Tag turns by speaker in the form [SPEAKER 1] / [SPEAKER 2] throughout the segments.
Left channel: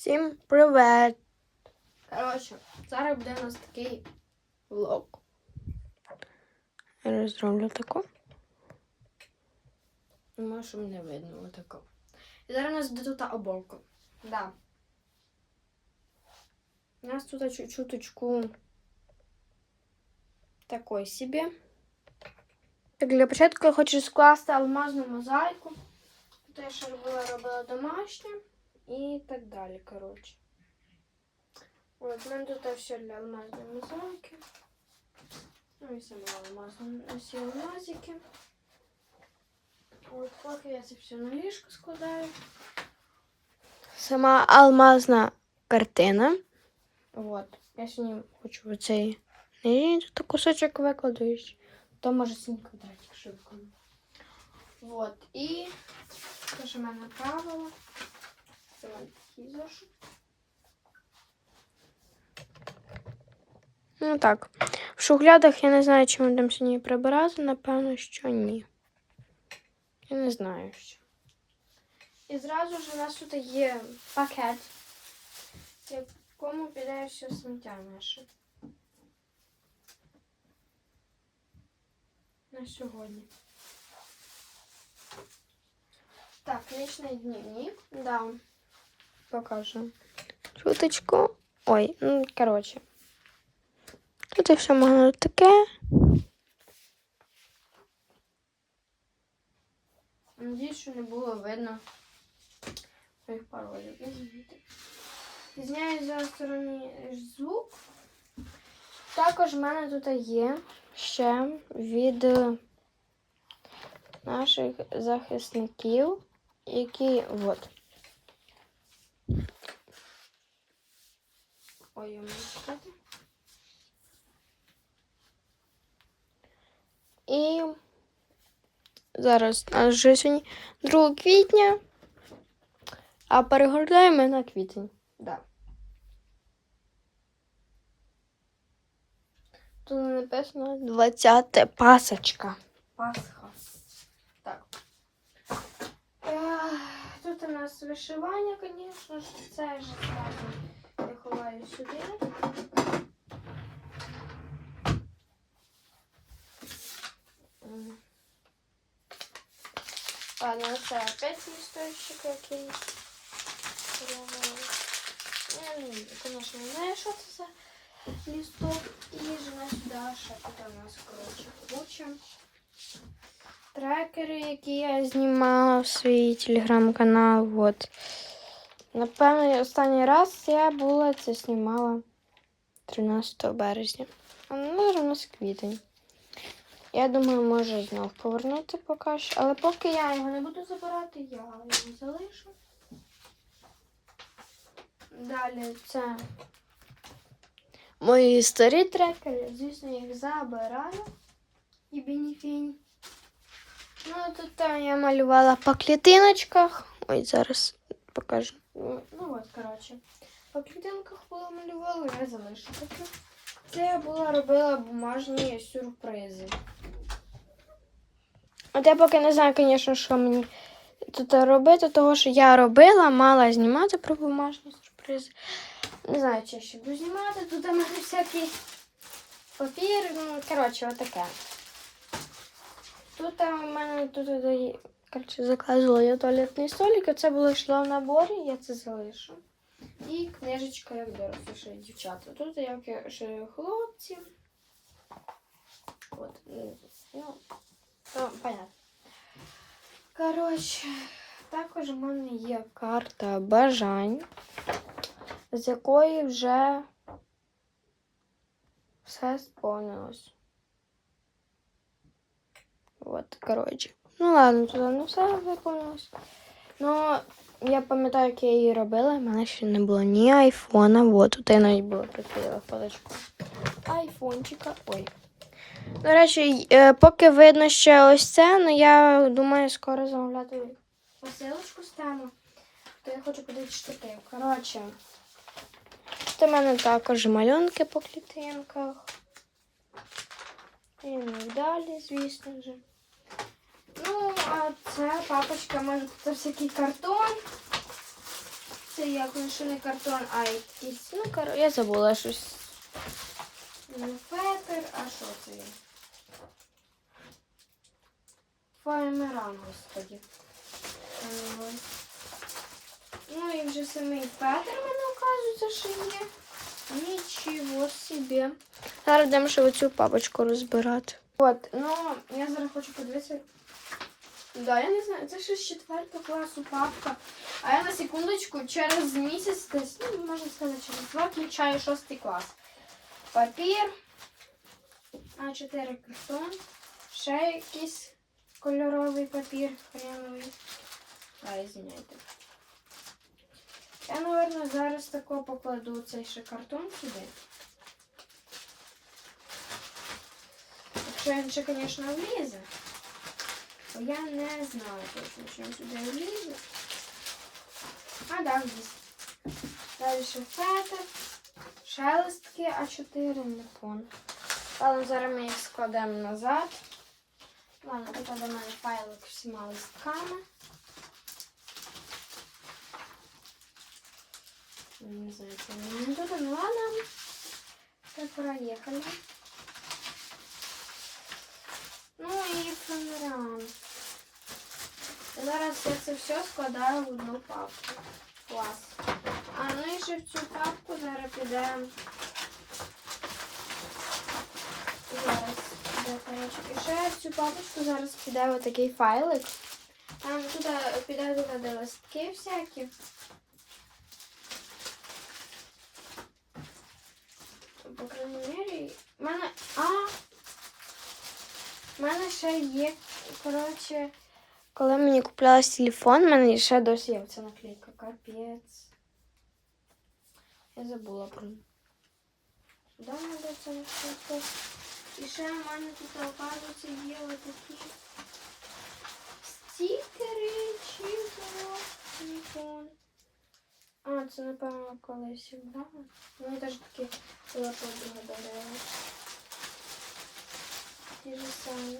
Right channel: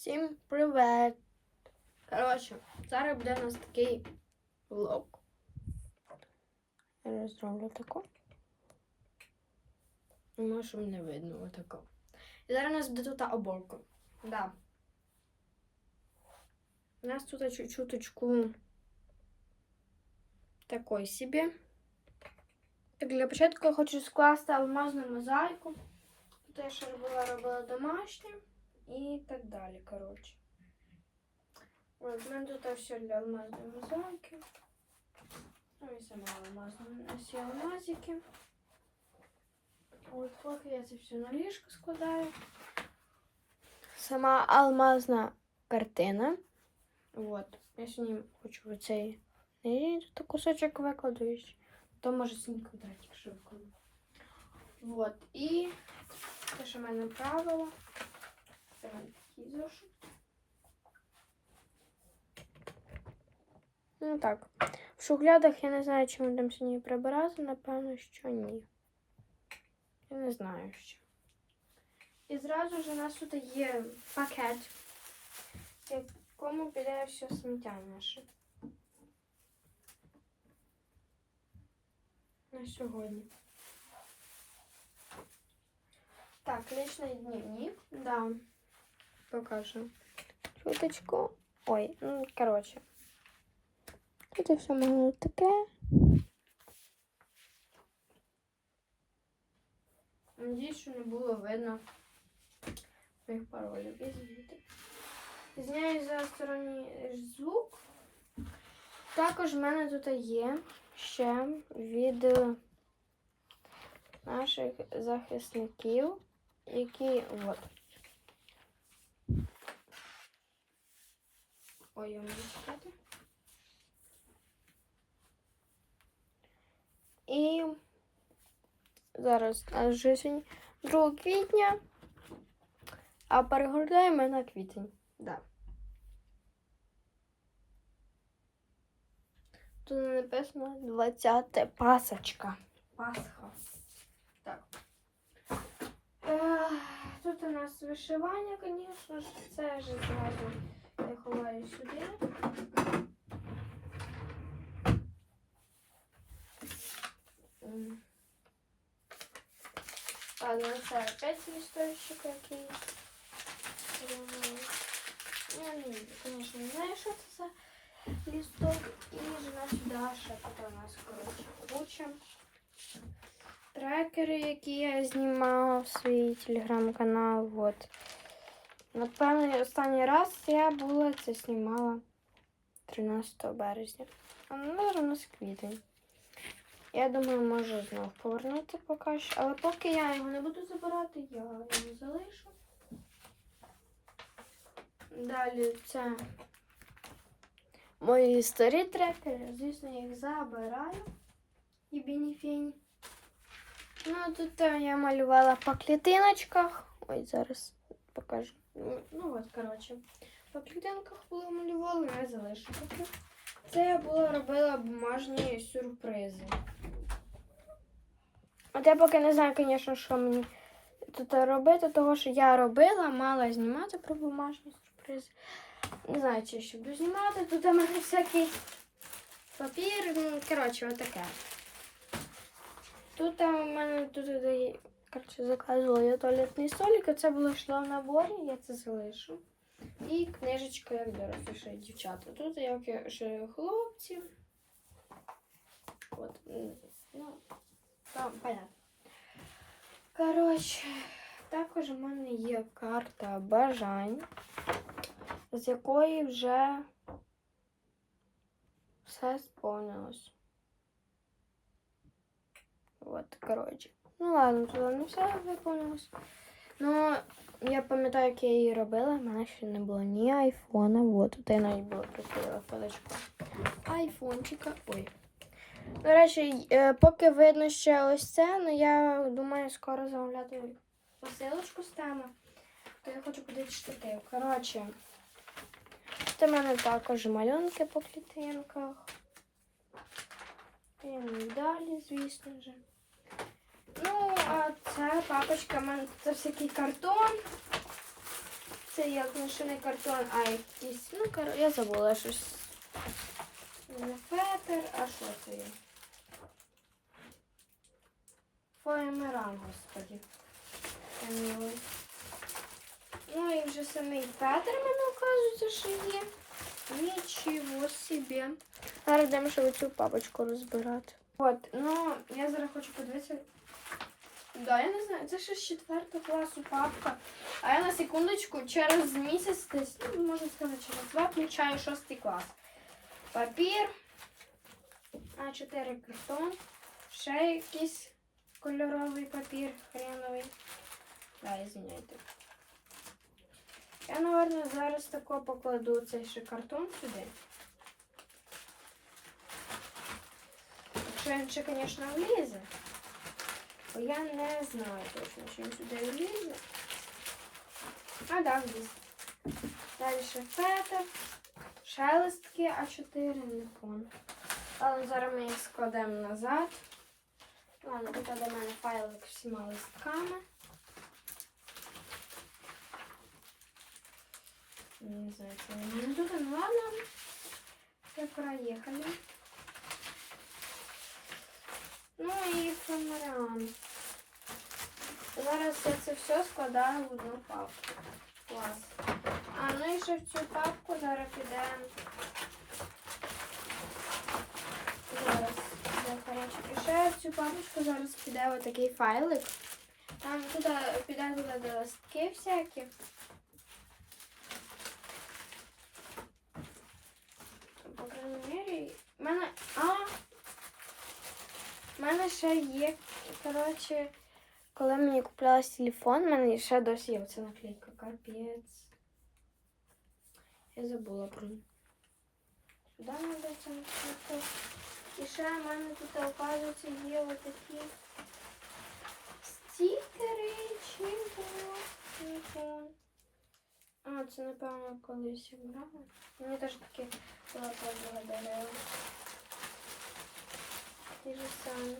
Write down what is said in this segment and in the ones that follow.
[SPEAKER 1] Всім привет! Коротше, зараз буде у нас такий влог. Я зроблю таку. Може, щоб не видно отако. І зараз у нас буде тут оборка. Да. У нас тут чу- чуточку такой собі. Так, для початку я хочу скласти алмазну мозаїку. Тут я ще робила, робила домашнє і так далі, коротше. От, в мене тут все для алмазної мозаїки. Ну і сама алмазна всі алмазики. От, поки я це все на ліжко складаю. Сама алмазна картина. От. Я сьогодні хочу оцей тут кусочок викладу. То може синій квадратик викладу. Вот. І те, що в мене правило. Ну так. В шухлядах я не знаю, чи ми там сьогодні прибирати. Напевно, що ні. Я не знаю що. І зразу ж у нас тут є пакет, в якому піде все сміття наше. На сьогодні. Так, личний дневник. Да. Покажу. Чуточку. Ой, ну, коротше. Тут все можна таке. Надіюсь, що не було видно моїх паролів. Зняю за сторонній звук. Також в мене тут є ще від наших захисників, які от. Ой, я можу сказати. І зараз нас вже сьогодні 2 квітня, а перегортаємо на квітень. Да. Тут написано 20 пасочка. Пасха. Так. Тут у нас вишивання, звісно ж, це вже зразу я ховаю сюди. М. Ладно, це опять листочек якийсь. Е, Я не знаю, конечно, не знаю, що це за листок. І жена сюди ще тут у нас, коротше, куча. Трекери, які я знімала в свій телеграм-канал. От. Напевно, останній раз я була це знімала 13 березня. Ну, зараз у нас квітень. Я думаю, можу знов повернути поки що. Але поки я його не буду забирати, я його залишу. Далі це мої старі трекери. Звісно, я їх забираю. І бініфінь. Ну, тут я малювала по клітиночках. Ой, зараз покажу. Ну, ну от, коротше. По клітинках була малювала, я залишу таке. Це я була робила бумажні сюрпризи. От я поки не знаю, звісно, що мені тут робити, того що я робила, мала знімати про бумажні сюрпризи. Не знаю, чи ще буду знімати. Тут у мене всякий папір. Ну, коротше, отаке. Тут у мене тут коротше, заказувала я туалетний столик, а це було йшло в наборі, я це залишу. І книжечка, як дорослі дівчата. Тут як ще хлопці. От. Ну, то, понятно. Коротше, також у мене є карта бажань, з якої вже все сповнилось. От, коротше. Ну ладно, туди не все виповнилось. Ну, я пам'ятаю, як я її робила, в мене ще не було ні айфона. От, тут я навіть була прикрила фоточку. Айфончика. Ой. До речі, е, поки видно ще ось це, але я думаю, скоро замовляти посилочку теми. То я хочу подивитися штуки. Коротше, тут у мене також малюнки по клітинках. І далі, звісно ж. Ну, а це папочка, мене це всякий картон. Це як машинний картон, а якийсь, ну, кор... я забула щось. Не фетер, а що це є? Фоемеран, господі. Ну і вже самий фетер мене оказується, що є. Нічого собі. Зараз йдемо ще оцю папочку розбирати. От, ну, я зараз хочу подивитися. Да, я не знаю, це ще з 4 класу папка. А я на секундочку через місяць десь, ну, можна сказати, через два включаю 6 клас. Папір. А4 картон. Ще якийсь кольоровий папір хреновий. Да, извиняйте. Я, напевно, зараз тако покладу цей ще картон сюди. Якщо звісно, влізе. Бо я не знаю точно, чи він сюди влізе. А, да, вліз. Далі фетер, шелестки А4, не пон. Але зараз ми їх складемо назад. Ладно, тут до мене файлик всіма листками. Не знаю, це не тут, ну ладно. Так, проехали. Ну і фонарям. Зараз я це все складаю в одну папку. Клас. А ну і ще в цю папку зараз піде. Зараз. файлички. Ще в цю папочку зараз піде отакий файлик. Там туди піде туди листки всякі. По крайній мірі. В мене. А! У мене ще є, коротше, коли мені куплялась телефон, в мене ще досі є ця наклейка. Капець. Я забула про неї. Сюди треба ця наклейка. І ще в мене тут, оказується, є отакі стікери, чим телефон. А, це, напевно, колись брала. Я теж такі була подруга дарила. Ті ж самі.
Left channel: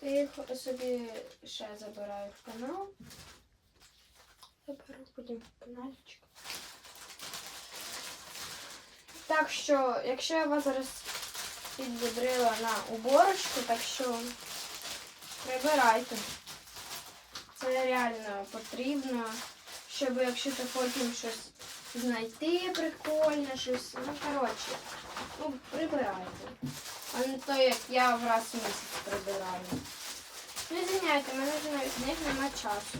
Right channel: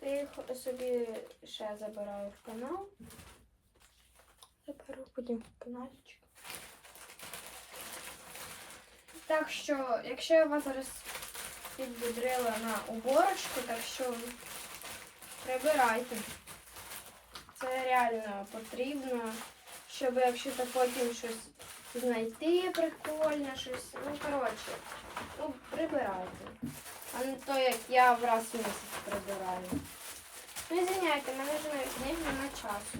[SPEAKER 1] То я їх собі ще забираю в канал. Заберу потім в каналчик. Так що, якщо я вас зараз підбідрила на уборочку, так що прибирайте. Це реально потрібно, щоб якщо то потім щось знайти прикольне, щось. Ну, коротше, ну, прибирайте. А не то, як я в раз в місяць прибираю. Ну, звиняйте, мене вже навіть них немає часу.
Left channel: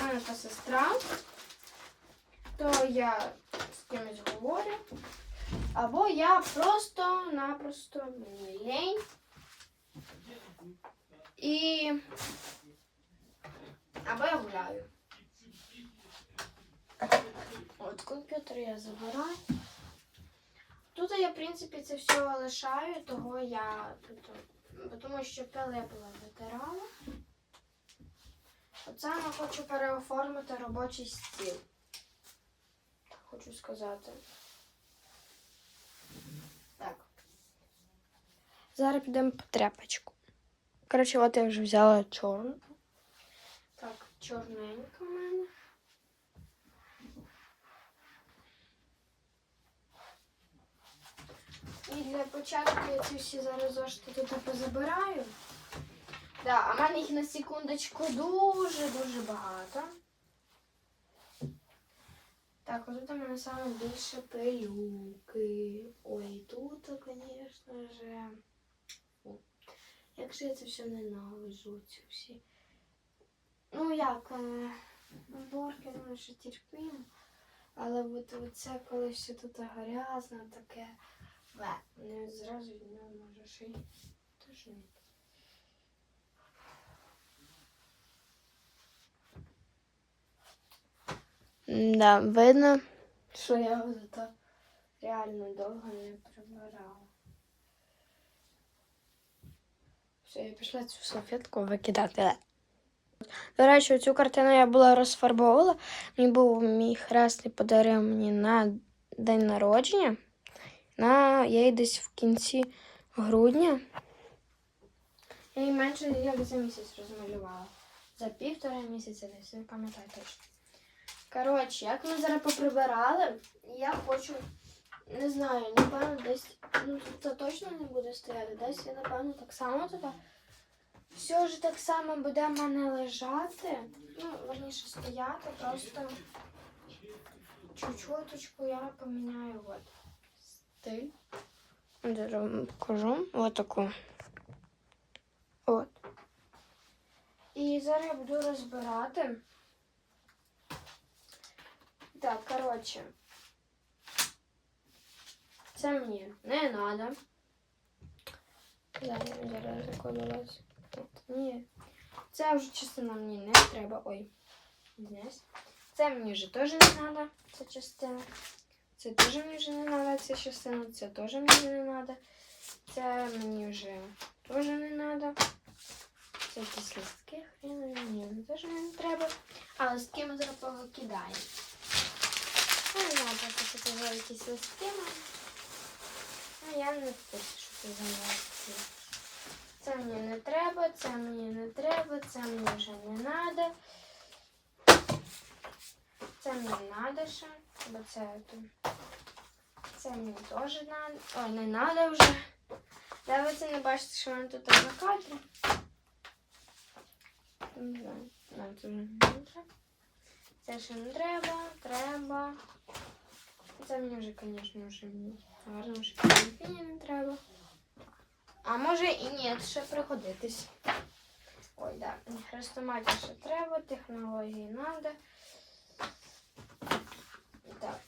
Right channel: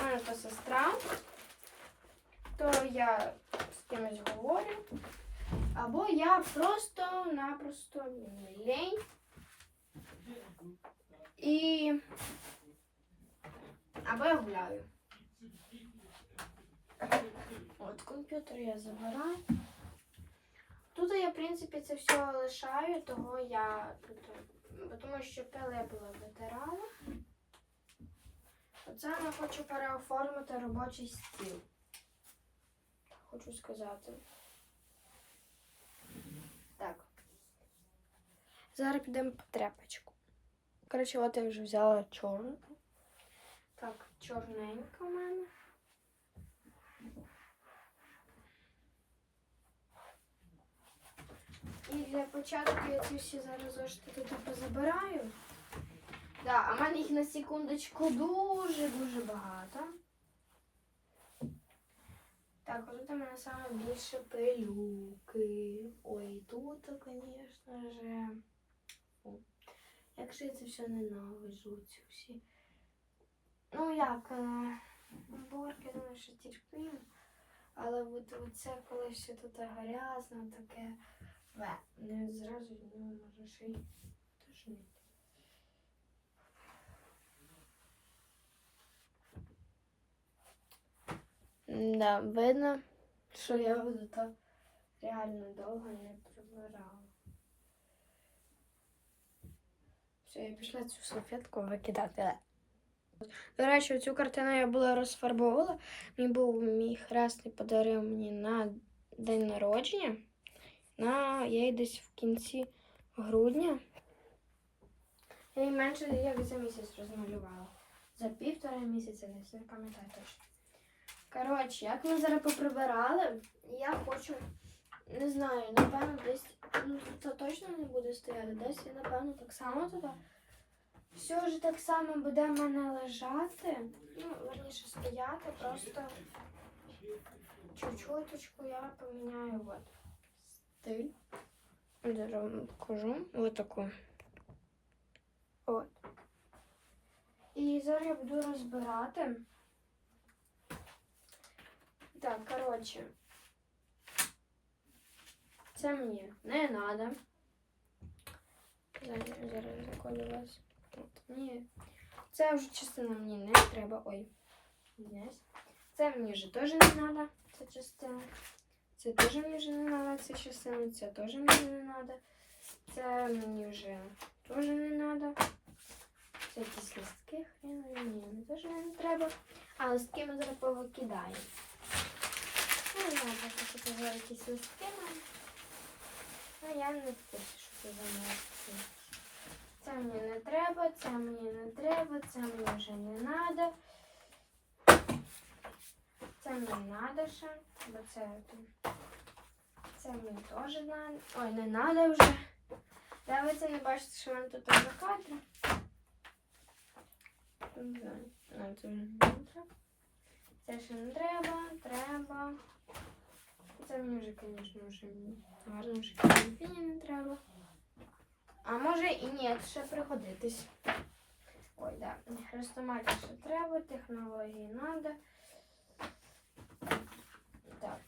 [SPEAKER 1] У мене то сестра, то я з кимось говорю. Або я просто-напросто мені лень. І або я гуляю. От комп'ютер я забираю. Тут я, в принципі, це все лишаю, того я тут, тому що пили я була витирала. Оце я хочу переоформити робочий стіл. Хочу сказати. Так. Зараз підемо по тряпочку. Коротше, от я вже взяла чорну. Так, чорненька в мене. І для початку я ці всі зараз зошити тут позабираю. Да, а в мене їх на секундочку дуже-дуже багато. Так, от тут у мене саме більше пилюки. Ой, тут, звісно. Фу. Як же я це все ненавижу, ці всі. Ну як, е, уборки, думаю, що терпимо. Але от, от це коли все тут грязно, таке. Не зразу від нього може ще й тошнити. Да, видно, що я зато реально довго не прибирала. Все, я пішла цю салфетку викидати. До речі, цю картину я була розфарбовувала. Мені був мій хресний подарив мені на день народження. На я її десь в кінці грудня. Я її менше як за місяць розмалювала. За півтора місяця десь, не пам'ятаю точно. Коротше, як ми зараз поприбирали, я хочу, не знаю, напевно, десь, ну тут точно не буде стояти, десь я, напевно, так само туди. Все ж так само буде в мене лежати. Ну, верніше стояти, просто чуть-чуточку я поміняю от стиль. Зараз вам покажу. Ось таку. От. І зараз я буду розбирати. Так, коротше. Це мені не треба. Зараз закладувалась. От, ні. Це вже частина мені не треба. Ой. Це мені вже теж не треба. Ця частина. Це теж мені вже не треба, ця частина. Це теж мені не треба. Це мені вже теж не треба. Це якісь листки, хрена мені теж не треба. А листки ми зараз повикидаємо. Ну, не що це за якісь листки. Ну, я не в курсі, що це за листки. Це мені не треба, це мені не треба, це мені вже не треба. Це мені треба ще, бо це. Це мені теж треба. Ой, не треба вже. Да, ви це не бачите, що в мене тут на нам це не треба. Це ще не треба, треба. Це мені вже, звісно, вже гарно, вже мені не треба. А може і ні, ще пригодитись. Ой, да. Хрестоматі ще треба, технології треба. Так,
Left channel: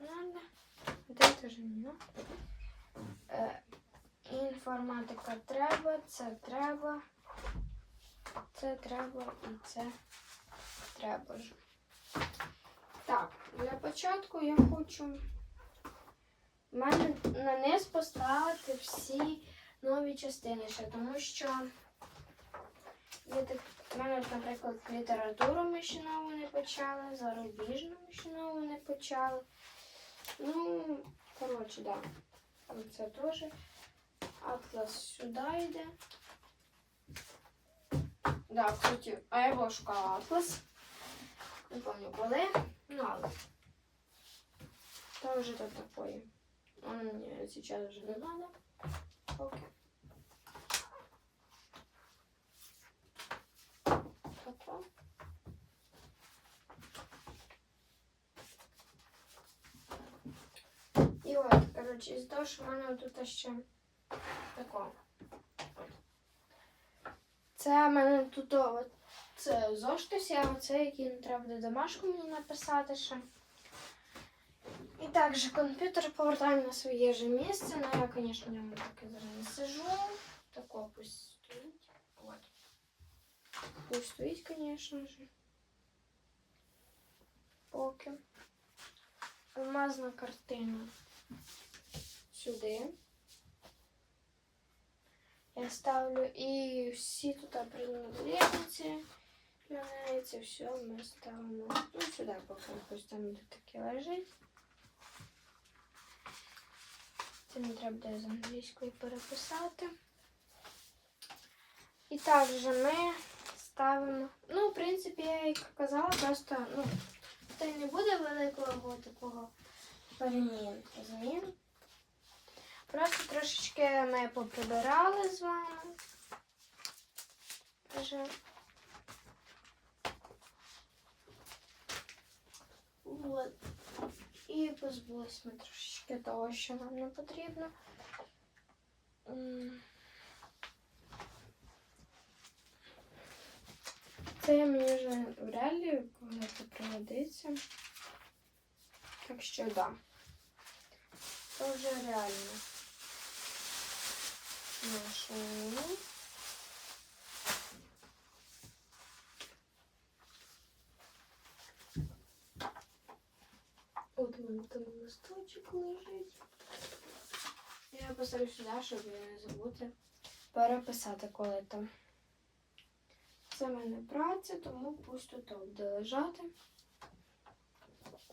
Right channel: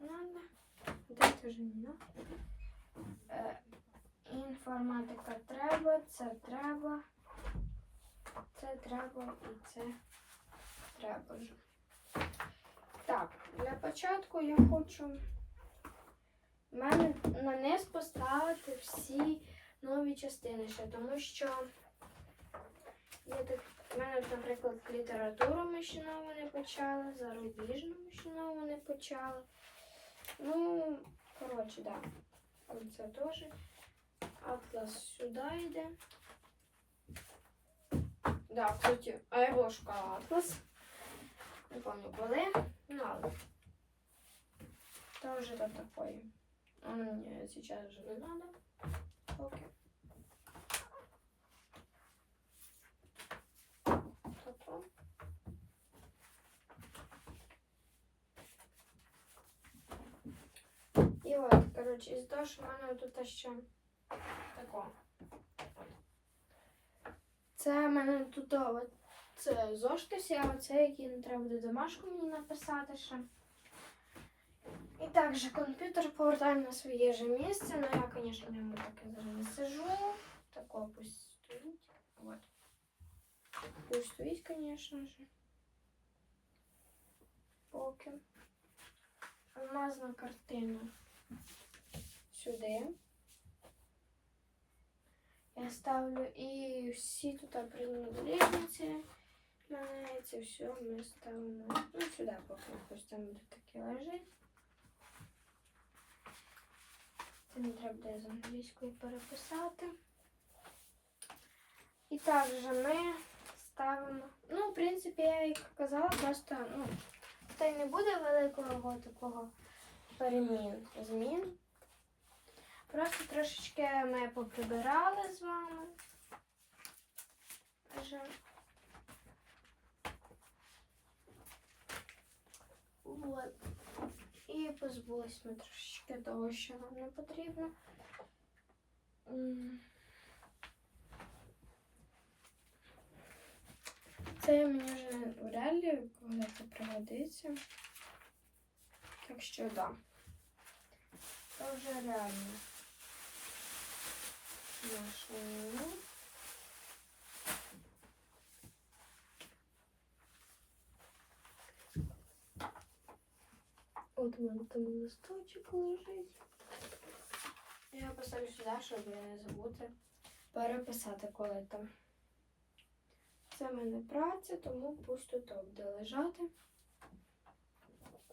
[SPEAKER 1] Надо. Де теж не. Е, інформатика треба, це треба. Це треба і це треба ж. Так, для початку я хочу в мене на низ поставити всі нові частини ще, тому що я так, в мене, наприклад, літературу ми ще нову не почали, зарубіжну ми ще нову не почали. Ну, коротше, да. Це теж. Атлас сюди йде. Да, кстати, а я шукала атлас. Не помню коли. Ну, але. Тоже тут такое. Он мне сейчас уже не надо. Окей. Тако. І от, коротше, із що в мене тут ще тако. Це в мене тут от, це зошити всі, а це який треба буде домашку мені написати ще. І також комп'ютер повертаю на своє же місце. Ну, я, звісно, в ньому так і зараз не сижу. Тако пусть стоїть. Вот. Пусть стоїть, звісно же. Поки. Алмазна картина сюди. Я ставлю і всі тут принадлежності. Мене це все ми ставимо ну, сюди, поки ось там буде таке лежить. Це не треба буде з англійської переписати. І також ми ставимо, ну, в принципі, я як казала, просто, ну, й не буде великого такого перемін змін. Просто трошечки ми поприбирали з вами. Вже. Вот. І позбулись ми трошечки того, що нам не потрібно. Це мені вже вряд ли коли-то пригодиться. Так що. Да. Це вже реально. Машину. От у мене там листочок лежить. Я поставлю сюди, щоб не забути переписати коли там. Це в мене праця, тому пусть тут буде лежати.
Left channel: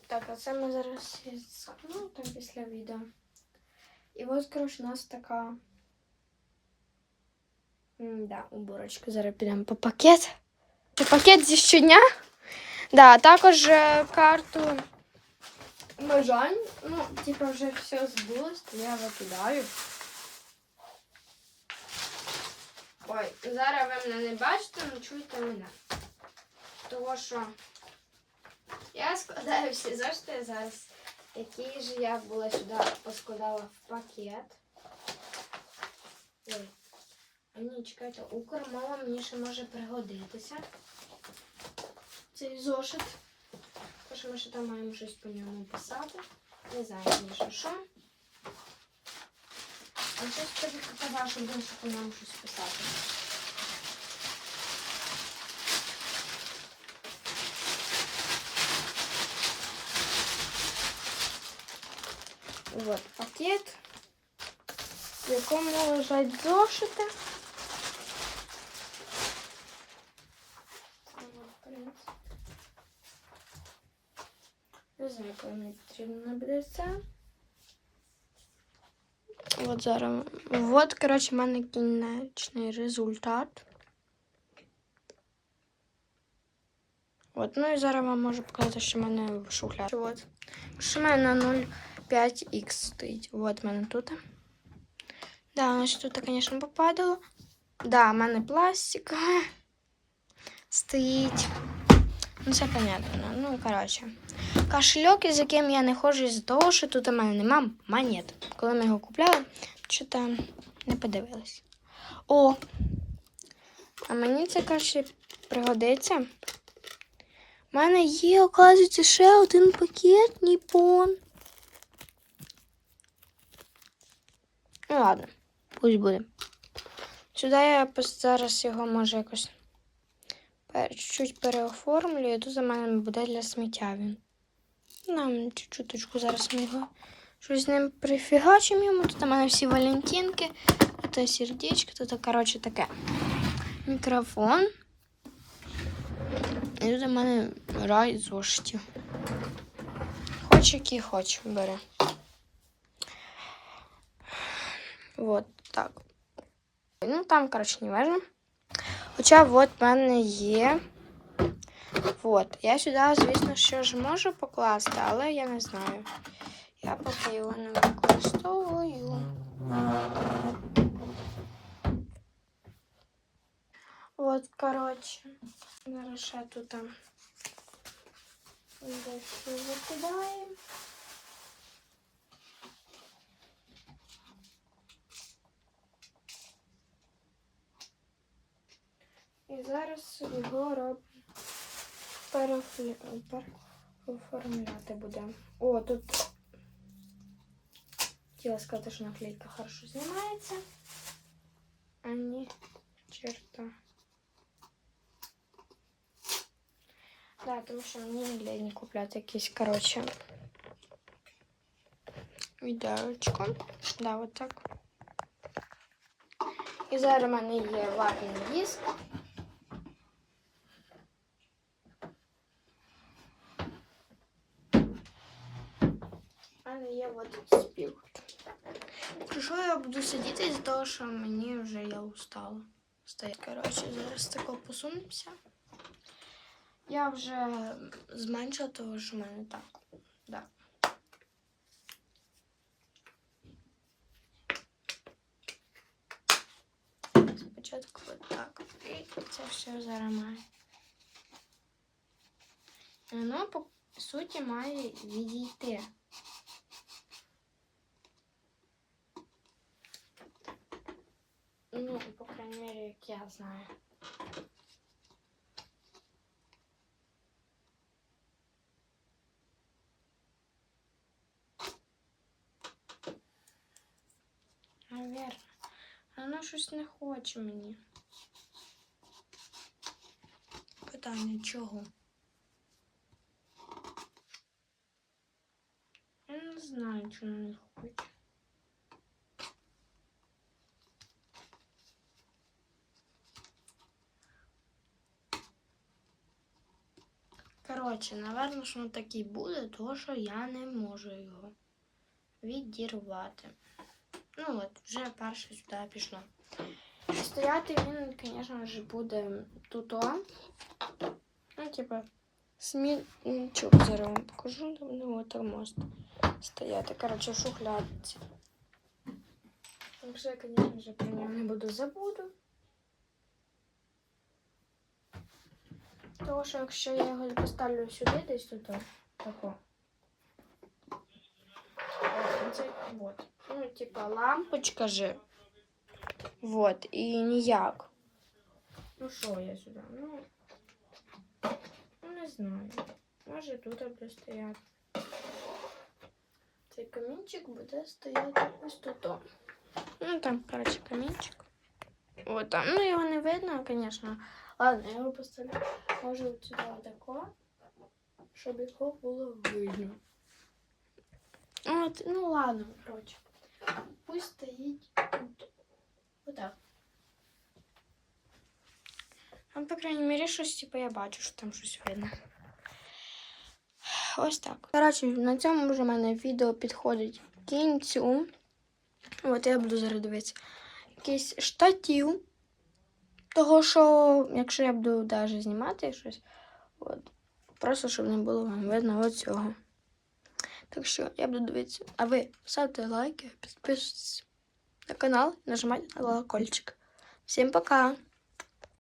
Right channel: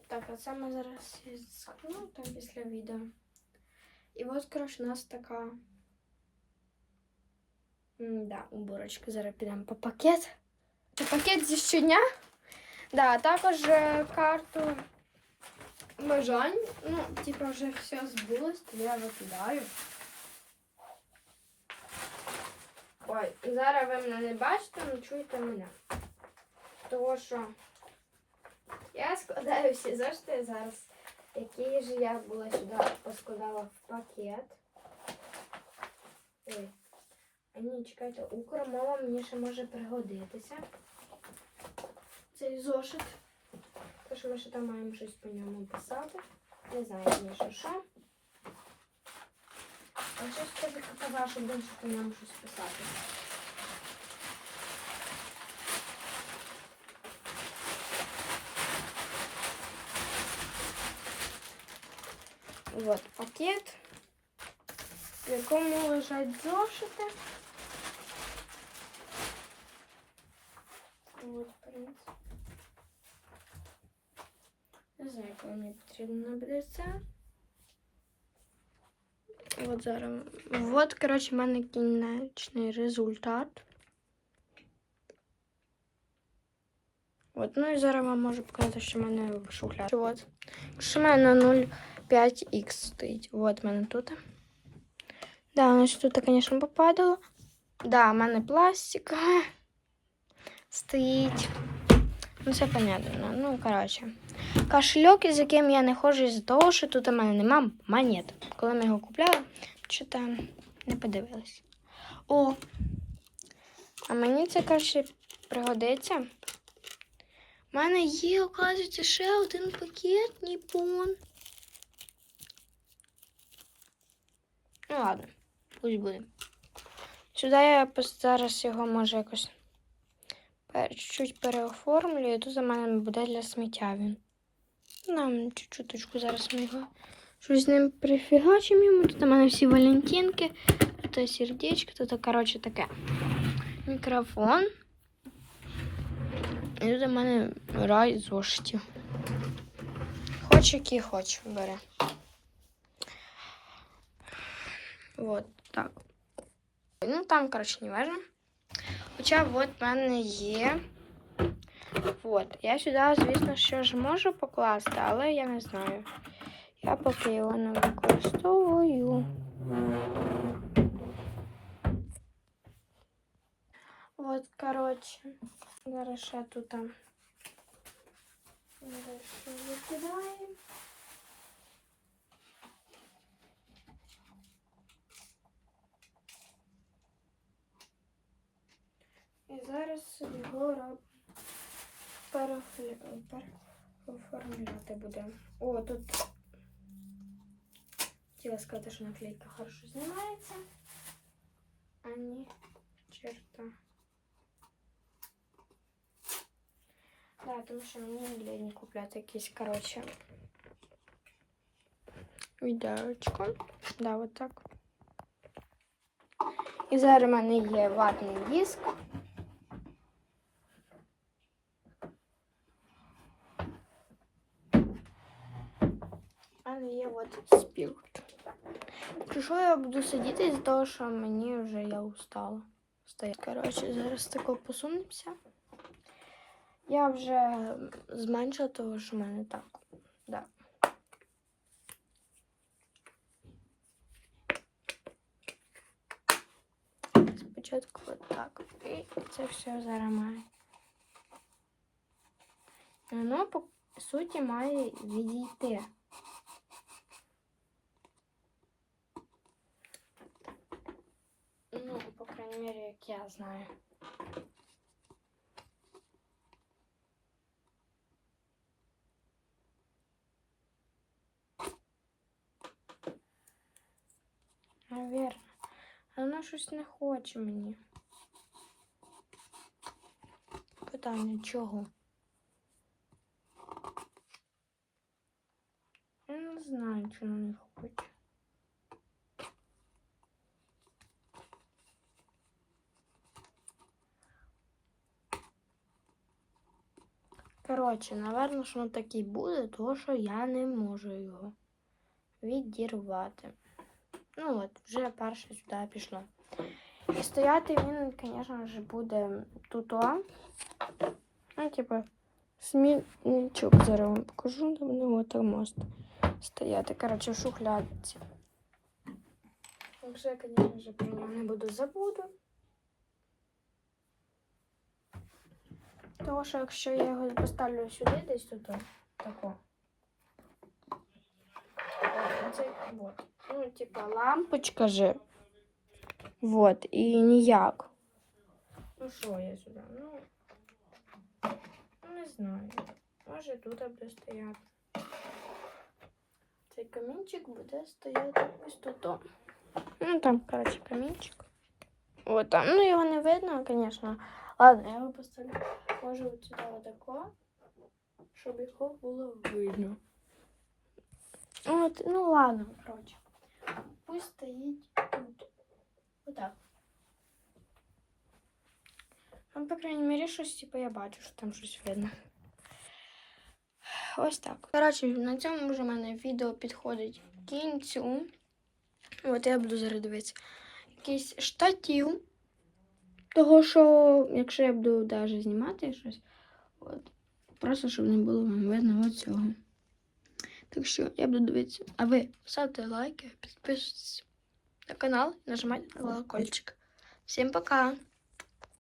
[SPEAKER 1] Так, а це ми зараз скину там після відео. І ось, коротше, у нас така Да, уборочка. Зараз підемо по пакет. Це пакет зі щодня. Да, також е, карту бажань. Ну, типу, вже все збулось, то я викидаю. Ой, зараз ви мене не бачите, але чуєте мене. Тому що я складаю всі зошити зараз, які ж я була сюди поскладала в пакет. Ні, чекайте, укрмова мені ще може пригодитися. Цей зошит. Тому що ми ще там маємо щось по ньому писати. Не знаю, звісно, що. А щось скажу, це ваше буде, по ньому щось писати. Вот пакет, в якому лежать зошити. Не знаю, коли мені потрібно буде це. От зараз. От, коротше, в мене кінечний результат. От, ну і зараз вам можу показати, що в мене в шухляді. От. Що в мене на 0,5х стоїть. От в мене тут. Да, воно ж тут, звісно, попадало. Да, в мене пластик стоїть. Ну, це понятно. Ну, коротше. Кошельок, із яким я не ходжу з того, що тут у мене нема монет. Коли ми його купляли, що там не подивилась. О! А мені це, коротше, пригодиться. У мене є, оказується, ще один пакет Ніпон. Ну ладно, пусть буде. Сюди я зараз його може якось пер- чуть-чуть переоформлю, і тут за мене буде для сміття він. Нам чуть-чуточку зараз ми його щось з ним прифігачимо. Тут у мене всі валентинки, тут сердечко, тут, коротше, таке. Мікрофон. І тут у мене рай зошитів. Хоч який хоч бере. Вот так. Ну, там, коротше, не важно. Хоча от в мене є. От. Я сюди, звісно, що ж можу покласти, але я не знаю. Я поки його не використовую. От, коротше. Зараз ще тут там. Дальше викидаємо. І зараз його робимо. Переофлі- переоформляти будемо. О, тут хотіла сказати, що наклейка хорошо знімається. А ні, черта. Да, тому що мені не лень купляти якісь, коротше, відеочку. Да, от так. І зараз в мене є ватний диск. Що я буду сидіти з того, що мені вже я устала. Стоять, коротше, зараз тако посунемося. Я вже зменшила того, що в мене так. Да. Спочатку отак. І це все зараз. Воно по суті має відійти. Ну, по крайней мере, як я знаю. Наверно. Щось не хоче мені. Питання чого? Не знаю, чому не хоче. Коротше, напевно, що воно так буде, тому що я не можу його відірвати. Ну от, вже перше сюди пішло. Стояти він, звісно ж, буде тут. о. Ну, типу, смітничок зараз вам покажу, там не от мост стояти. Коротше, в що я, звісно про нього не буду забуду. Тому що якщо я його поставлю сюди, десь тут, тако. Це вот. Ну, типа лампочка же. Вот, і ніяк. Ну що я сюди? Ну, не знаю. Може тут буде стояти. Цей камінчик буде стояти ось тут. Ну там, коротше, камінчик. От там. Ну його не видно, звісно. Ладно, я його поставлю. Може от сюди отако, щоб його було видно. От, ну ладно, коротше. Пусть стоїть тут. Отак. Ну, по крайней мере, щось, типу, я бачу, що там щось видно. Ось так. Коротше, на цьому вже в мене відео підходить кінцю. От я буду зараз дивитися. Якийсь штатів. Того, що якщо я буду навіть знімати щось, от, просто щоб не було вам видно оцього. Так що я буду дивитися. А ви ставте лайки, підписуйтесь на канал, нажимайте на колокольчик. Всім пока!